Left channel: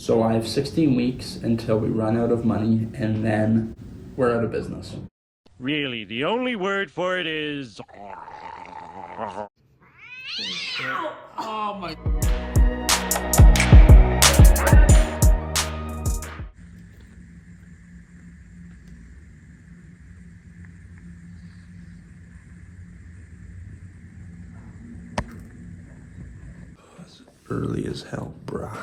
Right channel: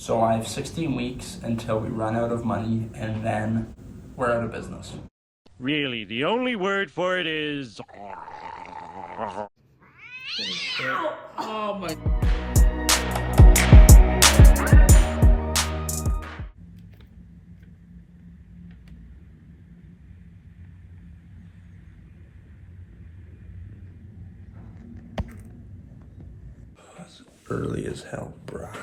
So I have 16 weeks until we run out of money, and then we're out of business. Really, the only word for it is... Oh my... That's early as hell, bruh.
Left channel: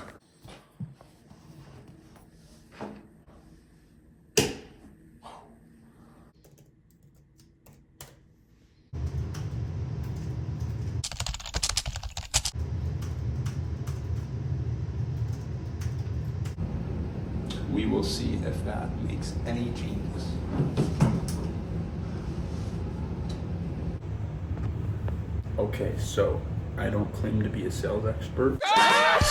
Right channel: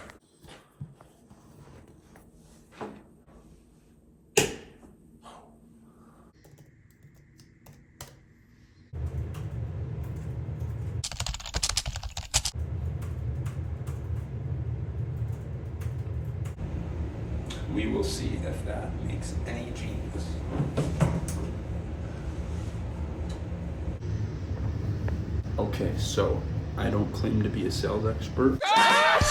We will see if that makes any changes. Okay, so I don't claim to be a sales expert. I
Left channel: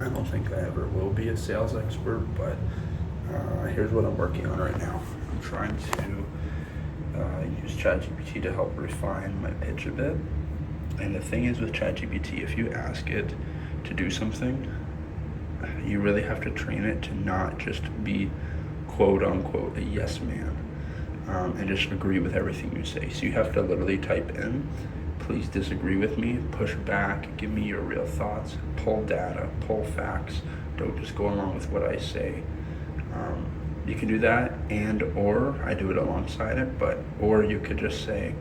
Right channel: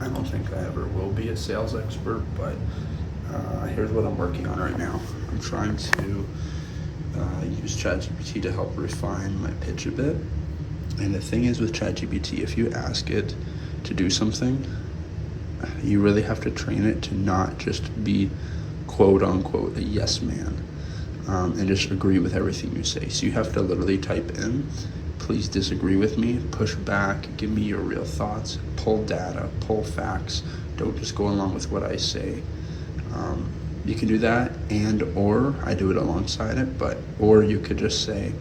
don't think I ever will be a sales expert, but here's what I'm working on right now. I'm trying to use ChatGPT to help refine my pitch a bit. And the thing is with ChatGPT, if you ask it to do something, you really have to train it to not just be quote unquote a yes man and just agree with everything you say. So you have to literally type in, please disagree with me, push back, give me your real thoughts, pull data, pull facts, don't just go along with what I say. You can do that, and or I do it alongside it, or you could just say,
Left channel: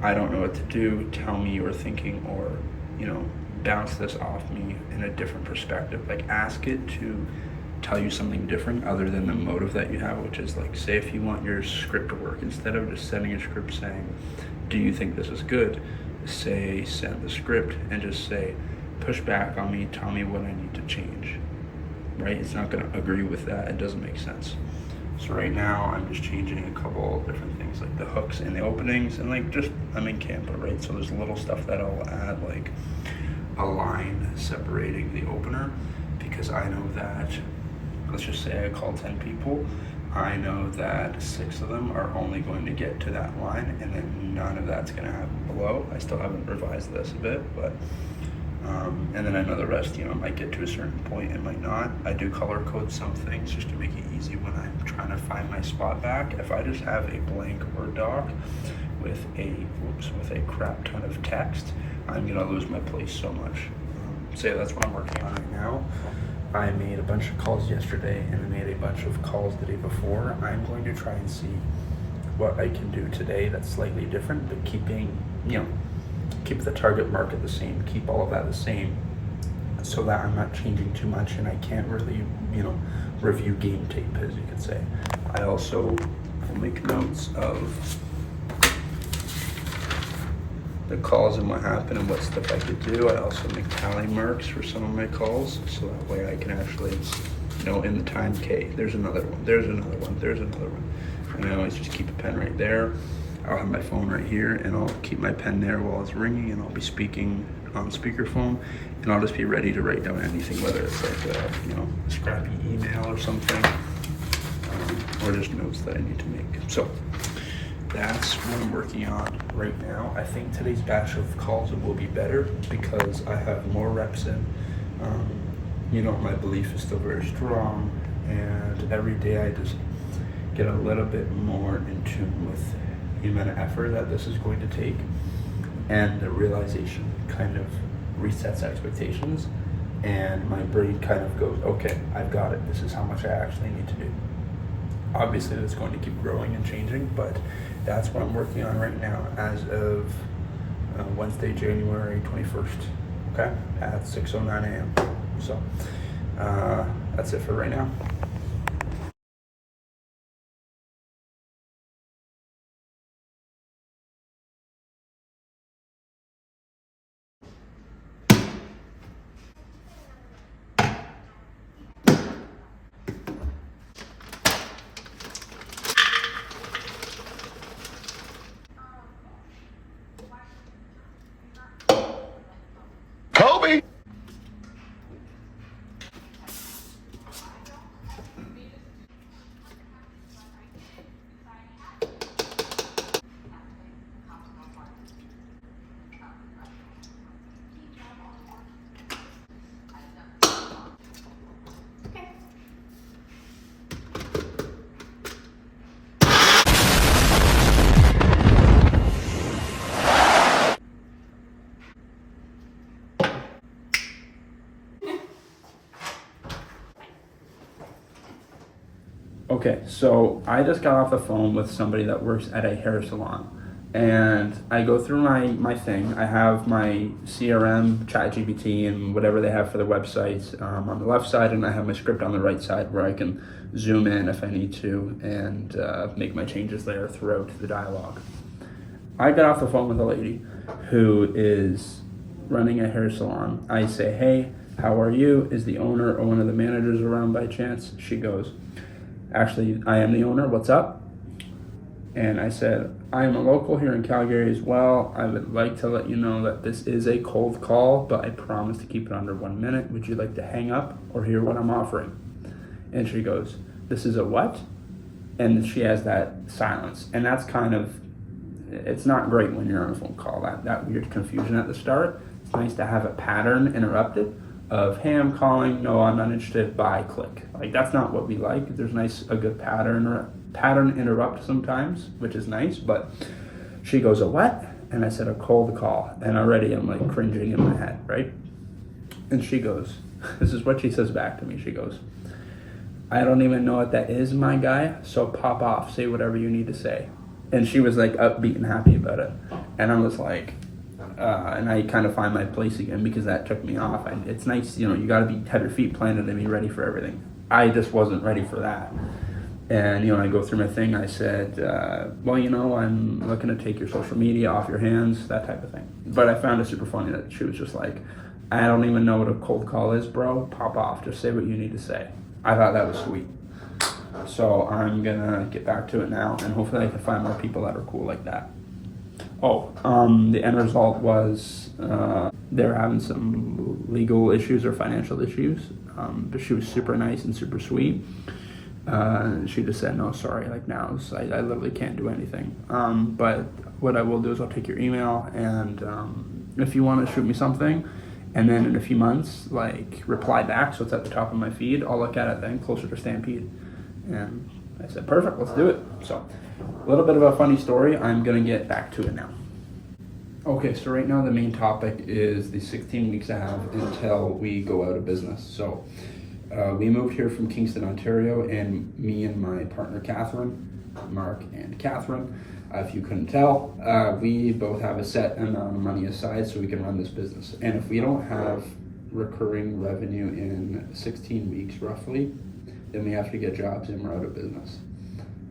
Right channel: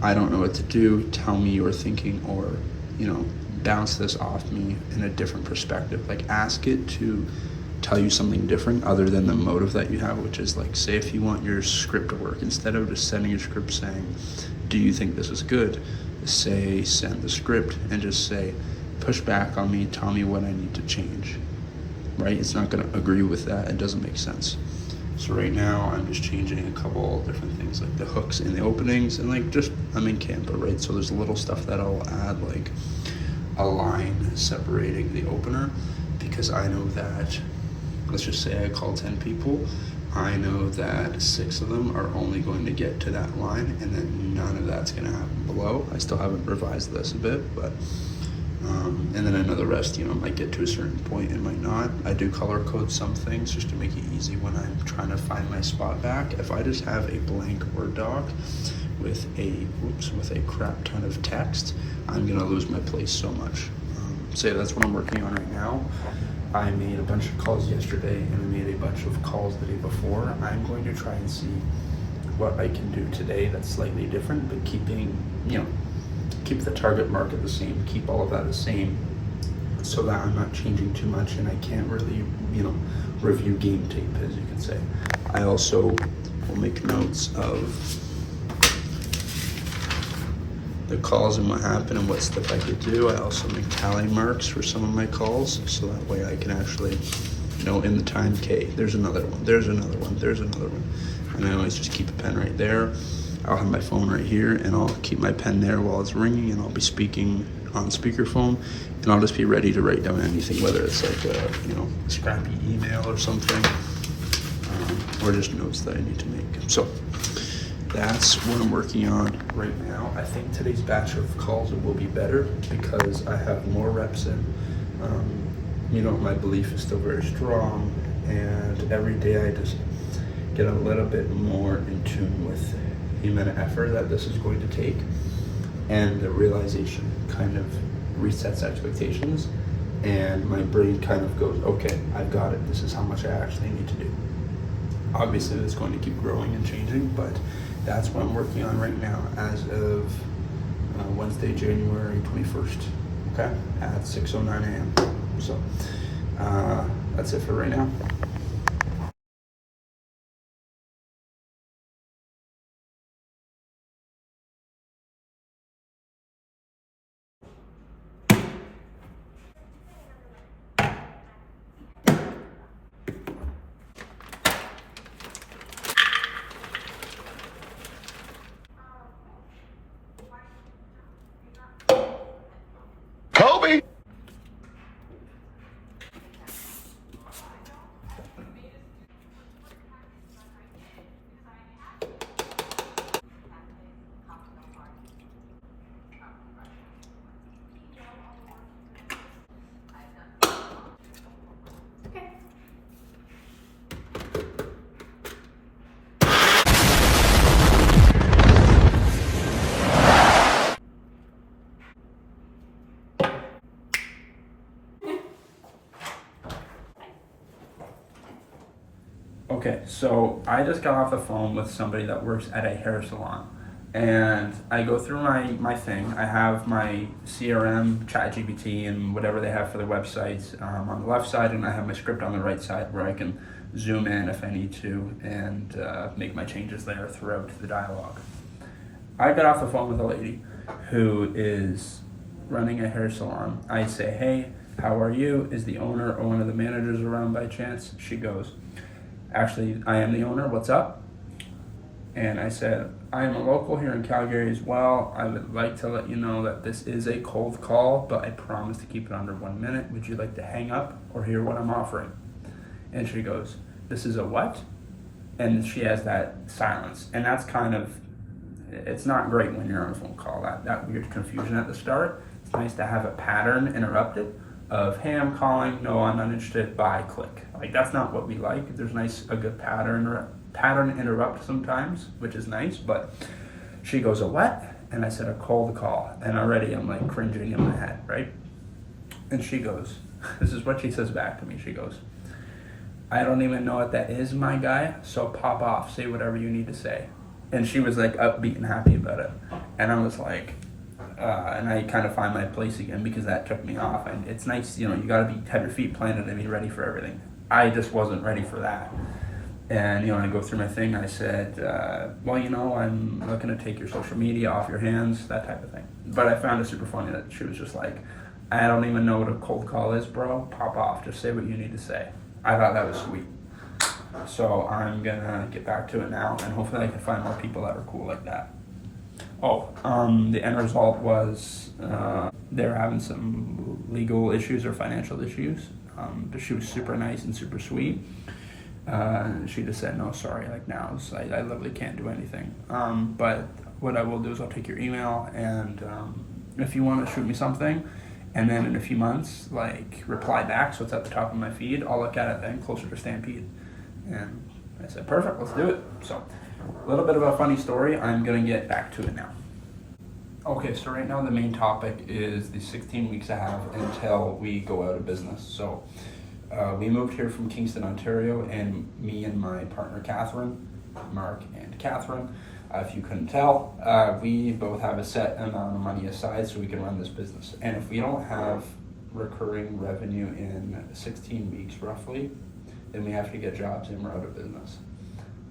I don't know what to do, tell me your thinking, or bounce this off me in a different perspective. Like, ask it to tell you something different other than the motive that you have, which is like, say if you want your script to work, instead of just sending a script saying, do you think this is good, say send the script and just say, push back on me, tell me what I need to change, right? It's not going to agree with that. It doesn't make sense. So right now I'm just changing a couple different things, like the hooks in the openings, and like just, I'm in Canva, right? So there's little stuff that I'll add, like a line separating the opener, because I know that, let's just say I call 10 people, I know that 6 of them are only going to get to that line, and then none of that's going to happen below. I still haven't revised this a bit, but and then I know the rest, might get to a certain point and might not. I do color code some things just to make it easy when I'm trying to find my spot back. If I just have a blank Word doc with a crap ton of text, I'm gonna lose my place so much. So yeah, that's what I'm working on right now. I made a bunch of calls yesterday and I made a bunch of calls the day before. I'm going to try and see what I can do today that's slightly different, but keep the target market the same, keep all of that the same, so that I'm not changing too much and I can't really, review game tape, as you could say. I also will make notes of the calls and what happened and what stuff I could do. I also make tally marks for some of my calls, so that way I can actually, in the time, okay, there's another one, there's another one, there's another one. And I always just keep a pen right there. I'll have my phone right here and I'll keep my pen there while it's ringing, and I'll be speaking on speakerphone, and I'll just be ready to write down anything, whether it's like a scrappy email or something, or just notes that I need to make. So that's what I'm working on right now. I think today's batch of calls will be better because I have more reps in. My belief is still very strong, and every day I just get a little bit more in tune with the amount of effort that this is going to take, and the realization kind of resets expectations, and my brain kind of goes, okay, I've got it. This is how much I actually need to do. Obviously, it's going to keep growing and changing, but that's what I'm working on right now as of Wednesday, January 21st, okay, at 6:09 a.m. So that's it for right now. Kobe! Okay, so I just got off the phone with somebody that works at a hair salon. And I go through my thing. I have my CRM, ChatGPT, and whatever they have for the websites on the left side, and I have my script on the right side where I can zoom in if I need to and make my changes there throughout the dialogue. I got off the phone with a lady who is running a hair salon. I say, hey, how are you? Is the owner or one of the managers around by chance? She goes, actually, I am the owner. What's up? And I said, I am a local here in Calgary as well. I would like to let you know that this is a cold call, but I promise to keep it under 1 minute. Would you like to hang up or hear what I'm offering? And she goes, this is a what? And she has that silence. And that's kind of, it's not great when you're on a phone call, that weird confusion at the start. It's nice to have a pattern interrupted of, hey, I'm calling, no, I'm not interested, bye, click. Like, that's not what we like. There's a good pattern interrupt sometimes, which is nice, but she goes, a what? And I said, a cold call. And already I'm like cringing in my head, right? And she goes, this is what she says back to me. She goes, I don't even know what that is, my guy, so pop off, say whatever you need to say. And she was like upbeat and happy about it. And I was like, and I kind of find my place again because that took me off. And it's nice, you got to have your feet planted and be ready for everything. I just wasn't ready for that. And, I go through my thing. I said, well, I'm looking to take your social media off your hands, that type of thing. But I found it super funny that she was just like, I don't even know what a cold call is, bro. Pop off. Just say what you need to say. I thought that was sweet. So I'm going to get back to it now, and hopefully I can find more people that are cool like that. The end result was they're having some legal issues or financial issues, but she was super nice and super sweet. She just said, no, sorry, like now, so I literally can't do anything. But what I will do is I'll take your email, and if you want to shoot me something, and then in a few months, like, reply back so it's at the top of my feed, I'll look at it then, closer to Stampede. And I said, perfect, let's do it. So, a little bit of a funny story. I'm going to get back to it now. Okay, so right now the main topic is the 16 weeks I have until we go out of business. So, we moved here from Kingston, Ontario, and me and my partner, Catherine, Mark and Catherine, if you couldn't tell, we both have a set amount of money aside so we can run this business. And if we don't have recurring revenue in 16 weeks roughly, then we have to get jobs and we're out of business.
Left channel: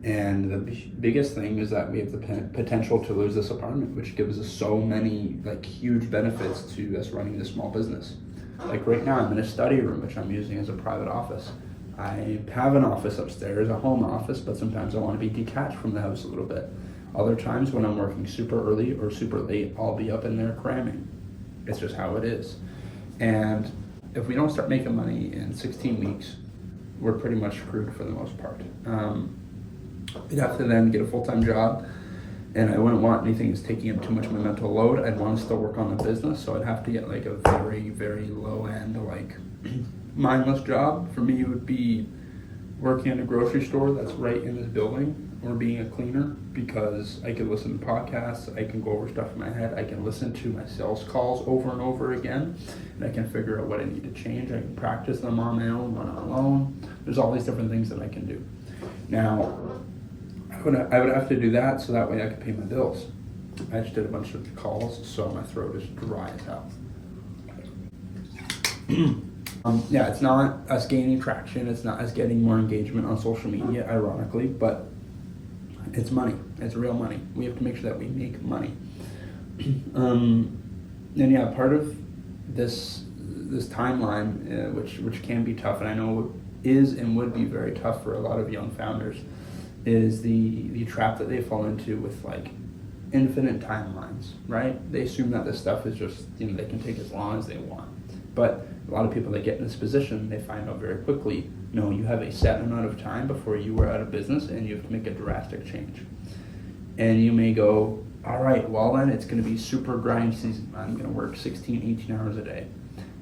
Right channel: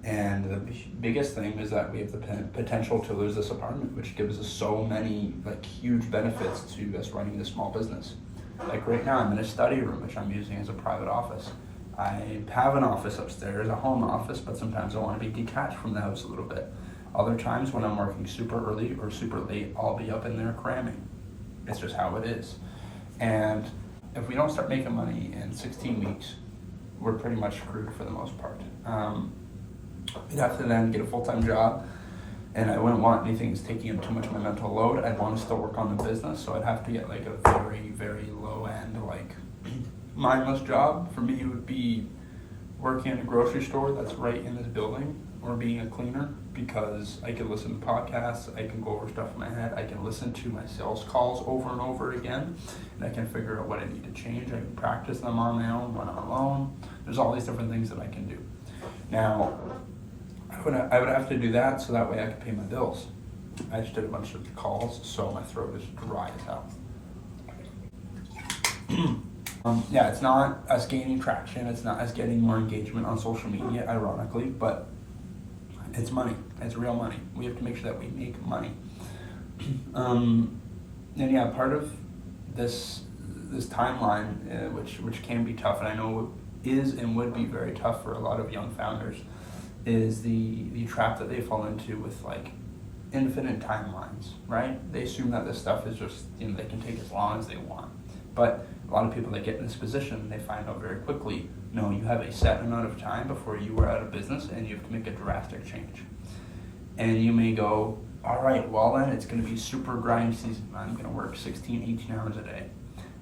And the biggest thing is that we have the potential to lose this apartment, which gives us so many huge benefits to us running this small business. Like right now, I'm in a study room, which I'm using as a private office. I have an office upstairs, a home office, but sometimes I want to be detached from the house a little bit. Other times when I'm working super early or super late, I'll be up in there cramming. It's just how it is. And if we don't start making money in 16 weeks, we're pretty much screwed for the most part. We'd have to then get a full-time job, and I wouldn't want anything that's taking up too much of my mental load. I'd want to still work on the business, so I'd have to get a very, very low-end, mindless job. For me, it would be working in a grocery store that's right in this building, or being a cleaner, because I can listen to podcasts, I can go over stuff in my head, I can listen to my sales calls over and over again, and I can figure out what I need to change. I can practice them on my own when I'm alone. There's all these different things that I can do. Now, I would have to do that so that way I could pay my bills. I just did a bunch of calls, so my throat is dry as hell. Yeah, it's not us gaining traction, it's not us getting more engagement on social media, ironically, but it's money. It's real money. We have to make sure that we make money. And yeah, part of this timeline, which can be tough, and I know is and would be very tough for a lot of young founders, is the trap that they fall into with infinite timelines, right? They assume that this stuff is just, they can take as long as they want. But a lot of people that get in this position, they find out very quickly, no, you have a set amount of time before you are out of business and you have to make a drastic change. And you may go, all right, well then it's going to be super grind season. I'm going to work 16, 18 hours a day.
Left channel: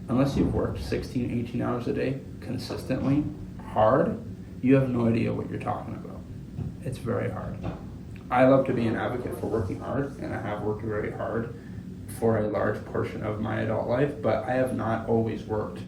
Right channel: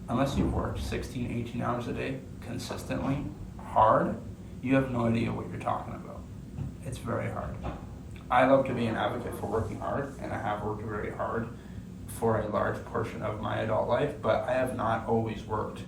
Unless you've worked 16, 18 hours a day consistently, hard, you have no idea what you're talking about. It's very hard. I love to be an advocate for working hard, and I have worked very hard for a large portion of my adult life, but I have not always worked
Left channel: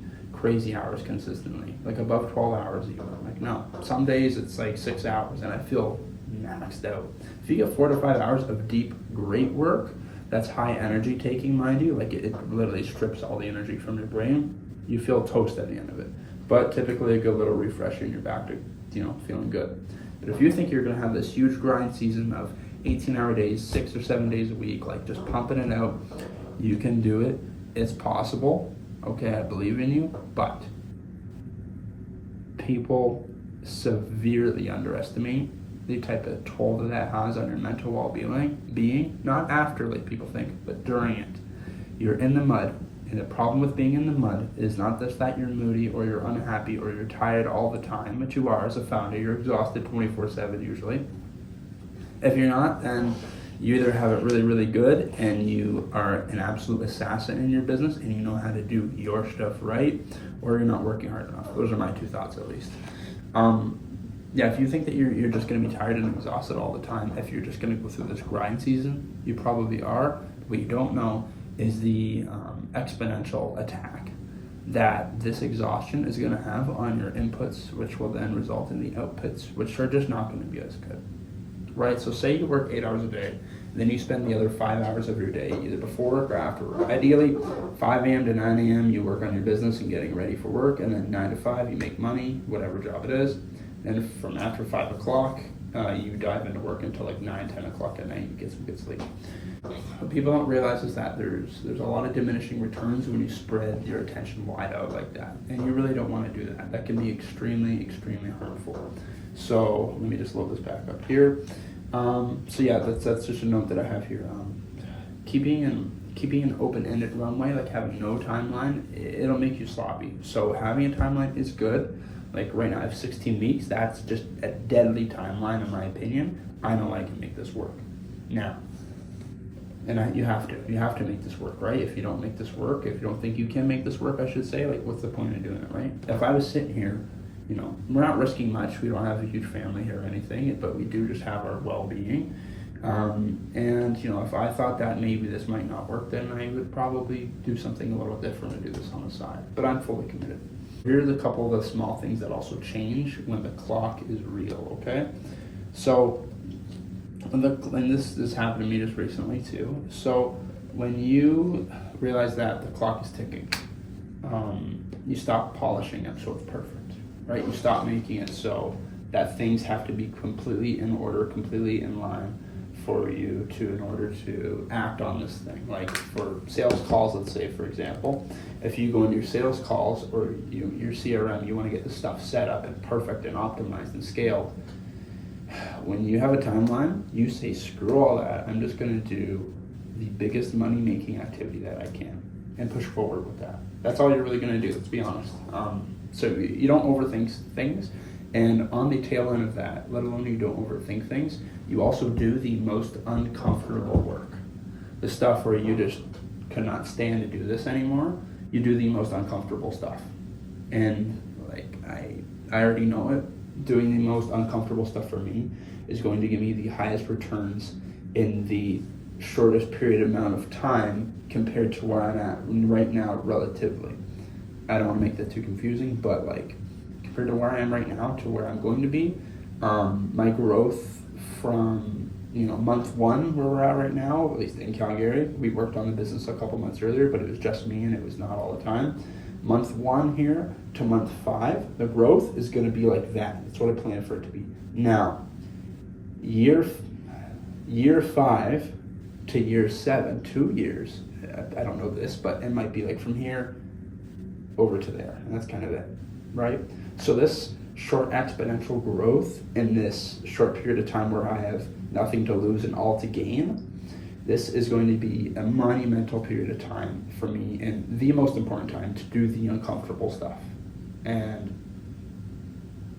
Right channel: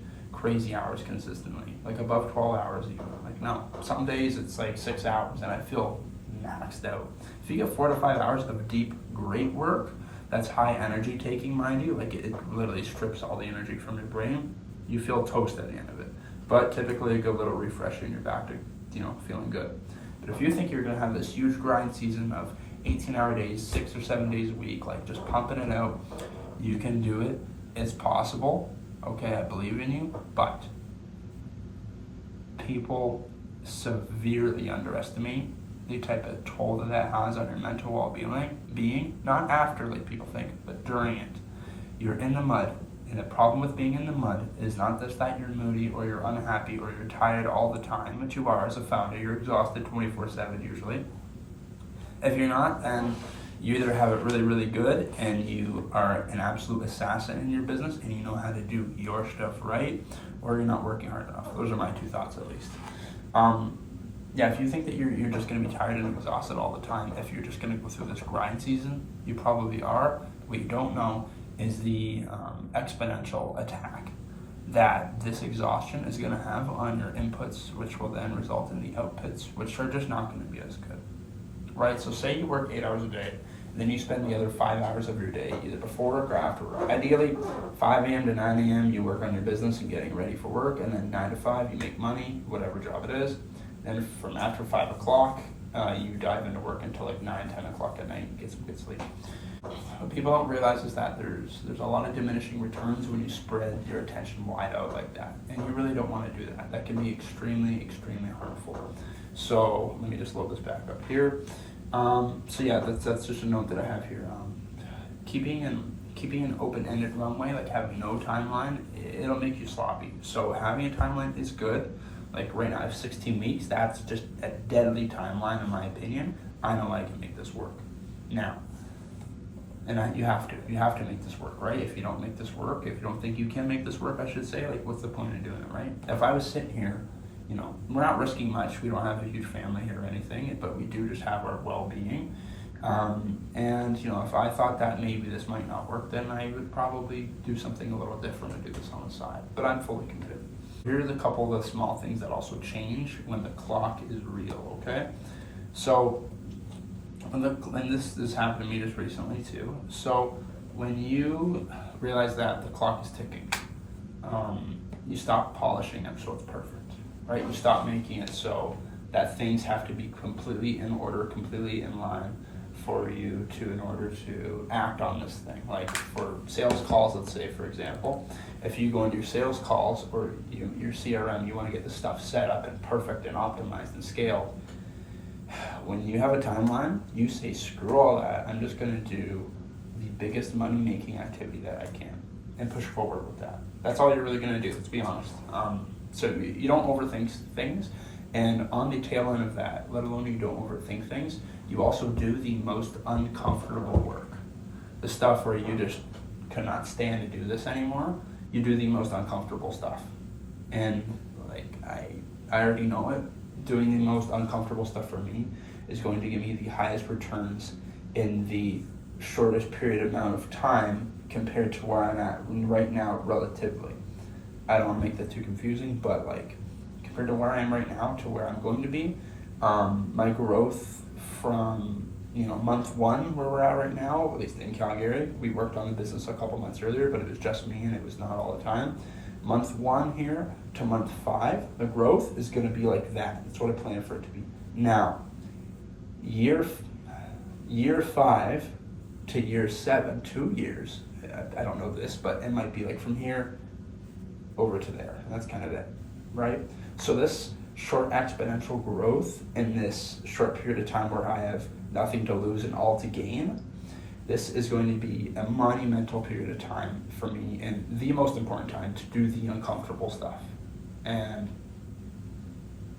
crazy hours consistently, like above 12 hours even. Like no, some days it's like 6 hours and I feel maxed out. If you get 4 to 5 hours of deep, great work, that's high energy taking, mind you, like it literally strips all the energy from your brain, you feel toast at the end of it. But typically a good little refresher and you're back to, feeling good. But if you think you're gonna have this huge grind season of 18-hour days, 6 or 7 days a week, like just pumping it out, you can do it. It's possible. Okay, I believe in you, but people severely underestimate the type of toll that has on your mental well-being, not after like people think, but during it. You're in the mud, and the problem with being in the mud is not just that you're moody or you're unhappy or you're tired all the time, which you are as a founder. You're exhausted 24/7 usually. If you're not, then you either have it really, really good and you are an absolute assassin in your business and you know how to do your stuff right, or you're not working hard enough. Those are my 2 thoughts at least. If you think that you're just going to be tired and exhausted all the time, if you're just going to go through this grind season, you probably are. What you don't know is the exponential attack that this exhaustion is going to have on your inputs, which will then result in the outputs, which are just not going to be as good. Right? So say you work 8 hours a day, then you spend the other 5 hours of your day either before work or after work. Ideally, 5 a.m. to 9 a.m. you work on your business and getting ready for work, and then 9 to 5 you make money, whatever job it is. Then from after 5 o'clock, you dive into work until like 9, 10 o'clock at night and get some good sleep. What people don't realize is that there's a lot of diminishing returns when you spread your attention wide out like that. And you really don't want to do that. That can be extremely, extremely hurtful. So let me just load this back up here. That's just a note that I have here. Keeping an open-ended runway, like having no timeline, it'll make you sloppy. So having a timeline is good. Like right now I have 16 weeks. That's just a deadly timeline in my opinion. I know I can make this work. Now, you have to make this work, right? If you don't make this work, if you don't think you can make this work, I should say, like what's the point of doing it, right? If I was sitting here, we're not risking much. We don't have a huge family or anything, but we do just have our well-being. If I thought that maybe this might not work, then I would probably do something a little different and do this on the side. But I'm fully committed. Here's a couple of the small things that also change when the clock is real, okay? So, and this happened to me just recently too. So when you realize that the clock is ticking, you stop polishing it so it's perfect, right? You stop making it so that things have to be completely in order, completely in line for you in order to act on this thing. Like for sales calls, let's say, for example, if you go into your sales calls or your CRM, you want to get the stuff set up and perfect and optimized and scaled. When you have a timeline, you say, screw all that. I'm just going to do the biggest money-making activity that I can and push forward with that. That's all you're really going to do, let's be honest. So you don't overthink things. And on the tail end of that, let alone you don't overthink things, you also do the most uncomfortable work. The stuff where you just cannot stand to do this anymore, you do the most uncomfortable stuff. And like I already know it, doing the most uncomfortable stuff for me is going to give me the highest returns in the shortest period amount of time compared to where I'm at right now relatively. I don't want to make that too confusing, but like compared to where I am right now to where I'm going to be, my growth from month 1 where we're at right now, at least in Calgary, we worked on the business a couple months earlier, but it was just me and it was not all the time. Month 1 here to month 5, the growth is going to be like that. That's what I plan for it to be. Now, year 5 to year 7, 2 years, I don't know this, but it might be like from here over to there, and that's kind of it, right? So this short exponential growth in this short period of time where I have nothing to lose and all to gain, this is going to be a monumental period of time for me and the most important time to do the uncomfortable stuff. And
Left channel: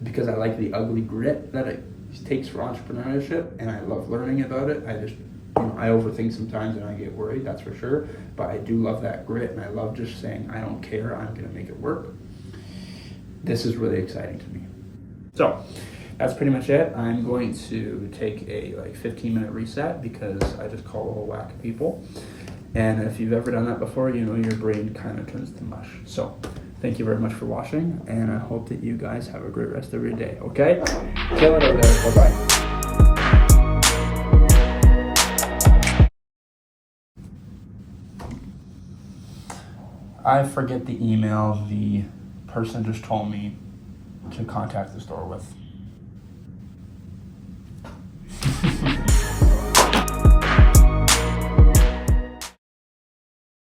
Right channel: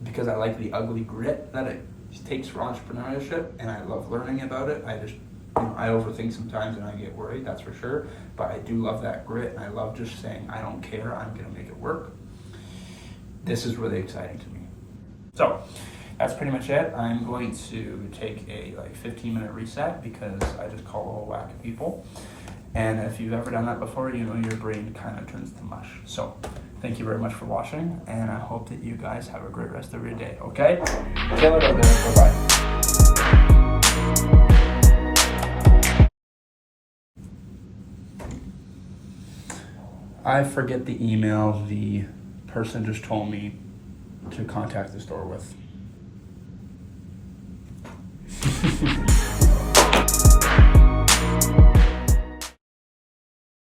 because I like the ugly grit that it takes for entrepreneurship and I love learning about it, I overthink sometimes and I get worried, that's for sure, but I do love that grit and I love just saying, I don't care, I'm gonna make it work. This is really exciting to me. So that's pretty much it. I'm going to take a 15-minute reset because I just call a whole whack of people. And if you've ever done that before, your brain kind of turns to mush. So Thank you very much for watching, and I hope that you guys have a great rest of your day, okay? Kill it over there. Bye-bye. I forget the email the person just told me to contact the store with.